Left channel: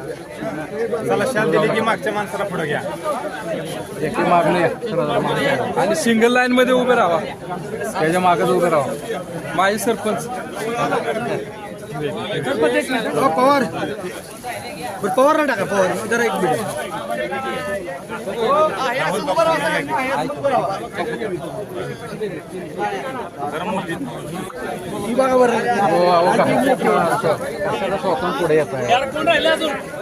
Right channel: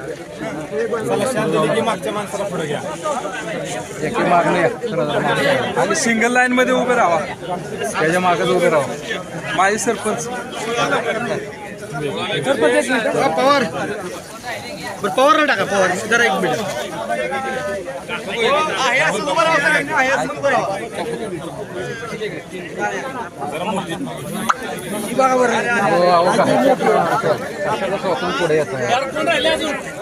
चला शाल दिली की मागच्या माणसाला पुढे घ्या एके मागणं या. आणि सिंगल लाईन मध्ये उभे राहा. त्याच्या मागच उभे राहा. माजी सरपंच. पवार. बरं पवारला टाका पवार. जरा एक मिनिट. ही बघा बरं हो अहो पुढे येत आहे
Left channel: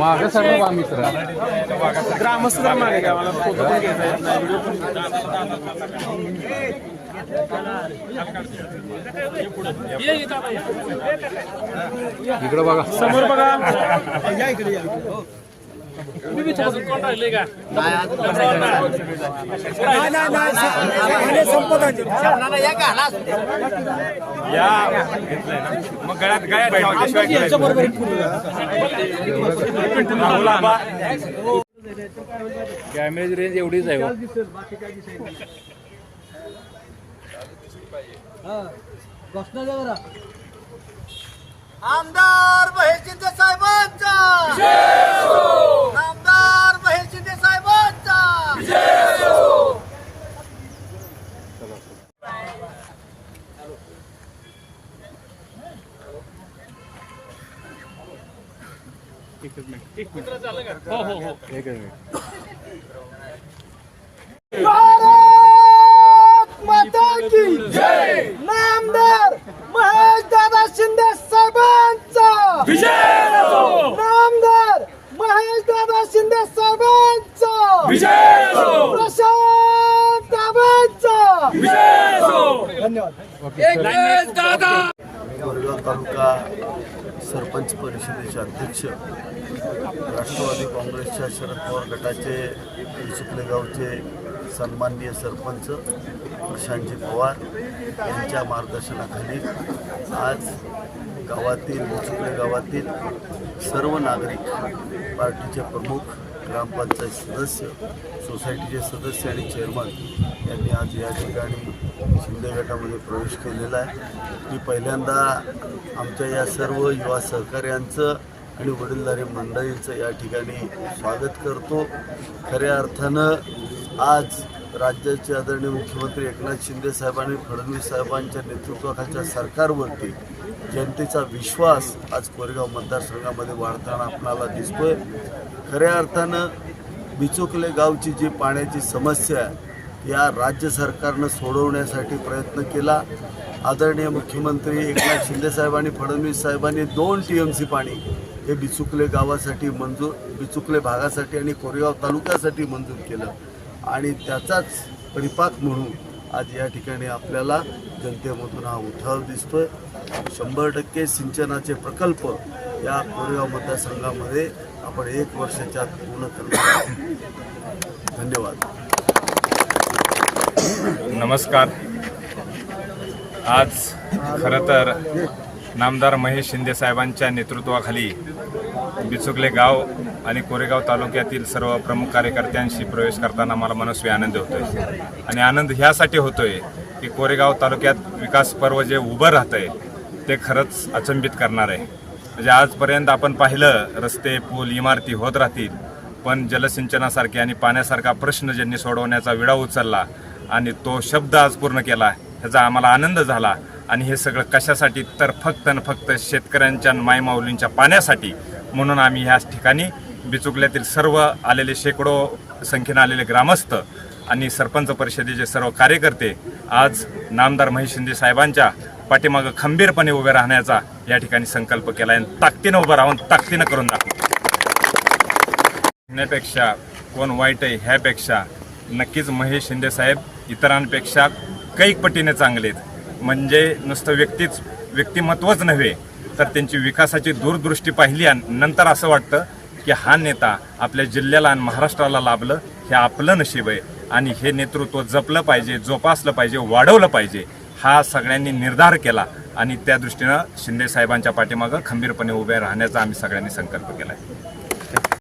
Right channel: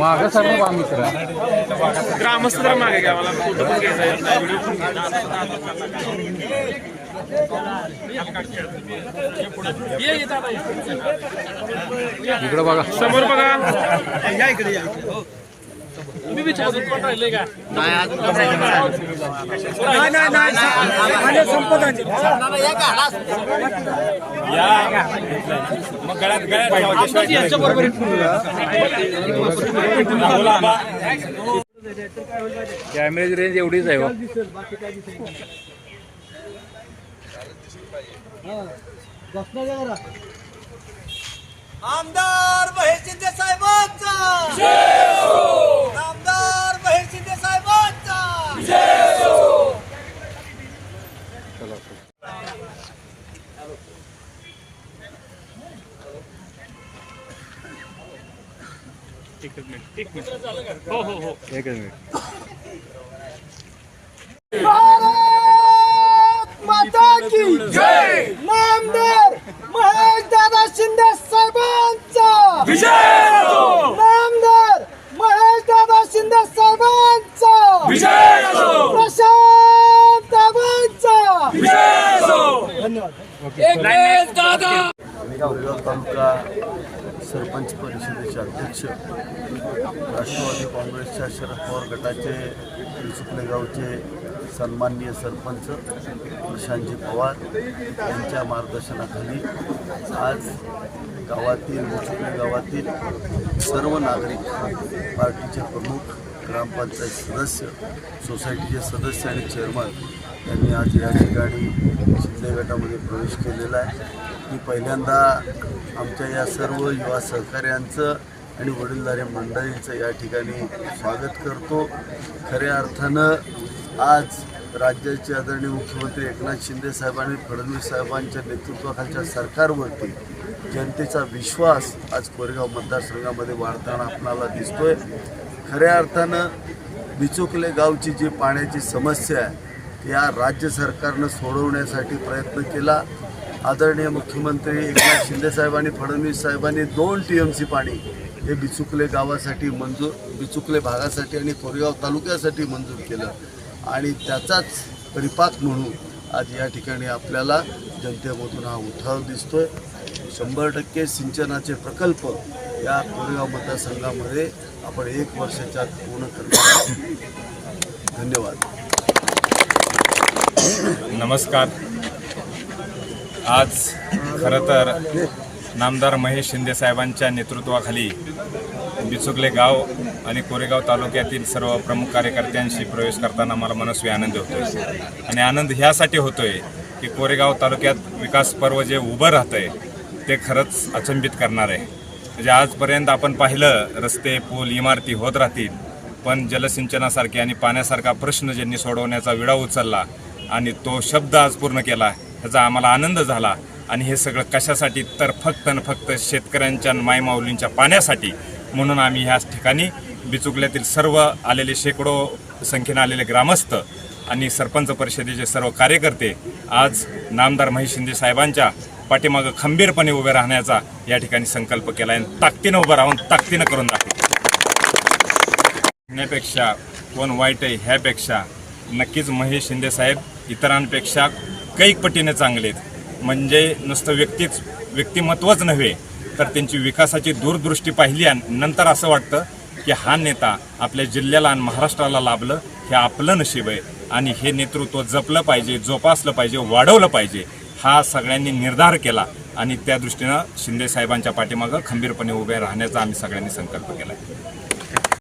माग सर्व बा मित्र ग्रामस्थ मागे गावाला फोटो पण घ्यायचा इकडं बघा. समोर बघा. या इकडे या. इकडे नाही नाही. नाही. सा- संपत आली. या मग गळ्यात गळ्यात ठेवा राहुल आबा. कॅमेरेची रेंज एवढीच आहे हो. आमदार महेश शिंदे साहेबांचा भारत माता की जय! नामदार महेश दादा शिंदे साहेबांचा. नामदार महेश दादा शिंदे साहेबांचा. प्रशांत दादांचा धन्यवाद. कोरेगाव तालुका सरपंच परिषदेचे अध्यक्ष राष्ट्रवादी काँग्रेसच्या शरद पवार गटाचे चिखले गावचे सन्माननीय सरपंच प्रशांतजी पवार यांच्या मार्गदर्शनाखाली आज गावातील चिखले गावातील सर्व नागरिक पार्टीचे प्रमुख ग्रामपंचायत सदस्य सोसायटीचे सदस्य आणि चेअरमन यांनी आज या ठिकाणी शिंदे गटामध्ये प्रवेश केलेला आहे. मी पहिल्यांदा आमच्या या सर्व युवा सहकार्यांचं आणि वडीलधारे मंडळींचं या ठिकाणी स्वागत करतो. खऱ्या अर्थानं आज राज्याचे आदरणीय मुख्यमंत्री एकनाथ शिंदे साहेबांनी फडणवीस साहेबांच्या नेतृत्वाखालच्या सरकारवरती जनतेचा विश्वास आज कोरेगाव मतदारसंघामध्ये वाढताना आपणाला दिसतोय. खऱ्या अर्थानं बिचुकले गावची जी पाण्याची समस्या आहे या राज्य सरकारनं सोडवण्यासाठी प्रयत्न केला. आदरणीय मुख्यमंत्री एकनाथ शिंदे साहेबांनी फडणवीस साहेबांनी दोन टी एम सी पाणी हे बिचुकले गावासाठी मंजूर बिचुकले भागासाठी आणि कोरेगाव तालुक्यासाठी मंजूर केलं. आणि त्याचाच परिपाक म्हणून आज या ठिकाणी आपल्याला जनतेमधून हा उठाव दिसतोय. शंभर टक्के सिंचनाचे प्रकल्प या कोरेगाव मतदारसंघामध्ये आपण एक वर्षाच्या आत पूर्ण करणार आहोत. धन्यवाद. नमस्कार. आज खरं तर नामदार महेश शिंदे साहेबांच्या नेतृत्वाखाली बिचुकले गाव आणि कोरेगाव तालुक्यातील सर्व प्रमुख कार्यकर्त्यांशी प्रवेश करताना मला मनस्वी आनंद होतोय. आणि आनंद ह्यासाठी होतोय की कोरेगाव तालुक्यात विकास पर्व जे उभं राहतंय ते खरंच अचंबित करणार आहे. म्हणजे आजपर्यंत आपण पाहिलं रस्ते पूल इमारती होत राहतील पण जलसिंचनासारखे आणि पाण्यासारखा प्रश्न ज्यांनी सोडवण्याचा विडा उचलला आणि तो शब्द आज पूर्ण केला ह्याचा आम्हाला आनंद झाला. आणि हे सगळं कशासाठी तर फक्त आणि फक्त शेतकऱ्यांच्या आणि मायमाऊलींच्या पाण्यासाठी म्हणून आम्ही ह्याच ठिकाणी बिचुकल्यातील सर्व आलेले शेकडो संख्येनं आलेले ग्रामस्थ आणि सरपंच परिषदेचे सर्व कार्यकर्ते आज नामदार महेश शिंदे साहेबांच्या पाठीमागं खंबीरपणे उभे राहण्याचा या ठिकाणी संकल्प केला आहे आणि ताकदीनं उभं राहून ताकदीनं करून दाखवू. कोण वाईट आहे ह्यापेक्षा नक्कीच महेश शिंदे साहेब इतरांपेक्षा कैक पटीने चांगले आहेत म्हणजे नुसतं व्यक्तीच व्यक्तिमत्वच नव्हे तर त्यांची विकासाची दूरदृष्टी पाहिली आणि नंतर असं वाटतं की हा नेता आपल्या जिल्ह्याला आणि महाराष्ट्राला लाभलं हे आपलं नशीब आहे. आणि हे नेतृत्व जपलं पाहिजे जोपासलं पाहिजे वाढवलं पाहिजे हा सगळ्यांनी निर्धार केला. आणि त्या दृष्टीनं शिंदे साहेबांच्या पाठीमागं खंबीरपणे उभे राहण्याचा आम्ही सगळ्यांनी संकल्प केला आहे